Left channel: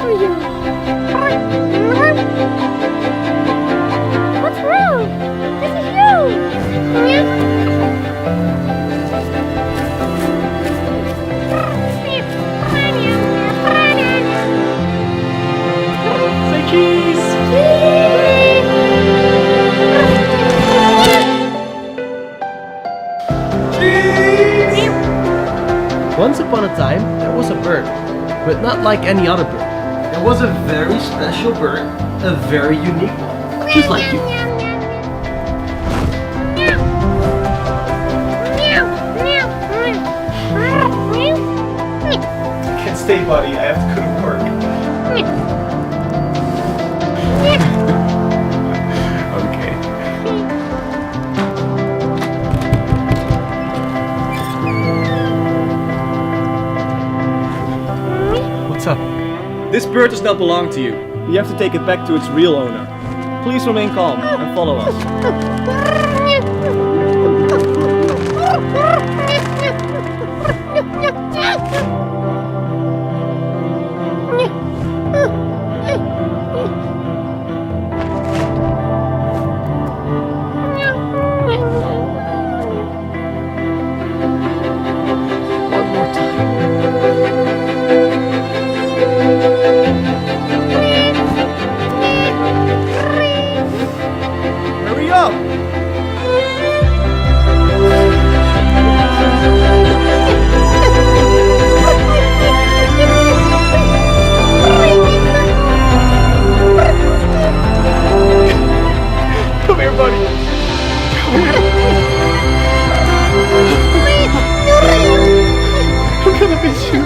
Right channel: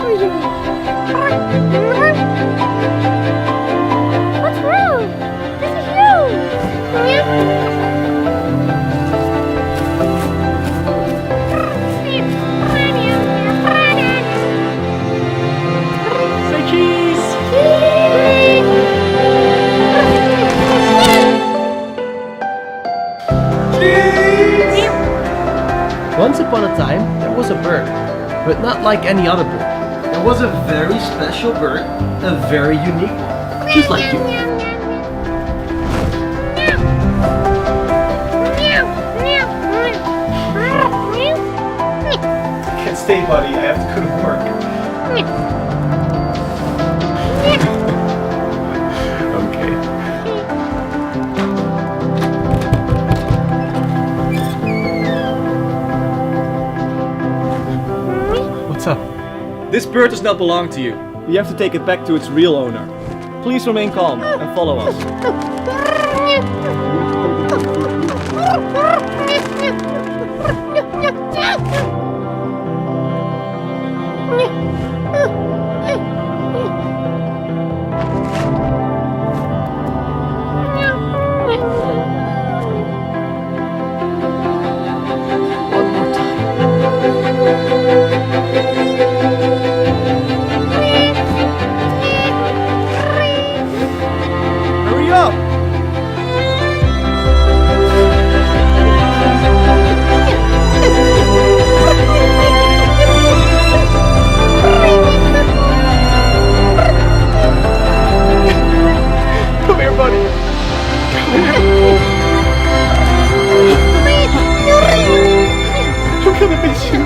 for you. What's wrong? This is Say cheese! Cheese! Once upon a time, there was a bird, but not like any other bird. It was a very special bird, a very unique one, just like you. Can't stay, buddy. I have to go to work. Okay. What's up? This bird does not belong to you. We have to take it back to its real owner. Please remain calm and follow us. One more time. Hurry up! Come here, buddy. Come here. I'm gonna miss you.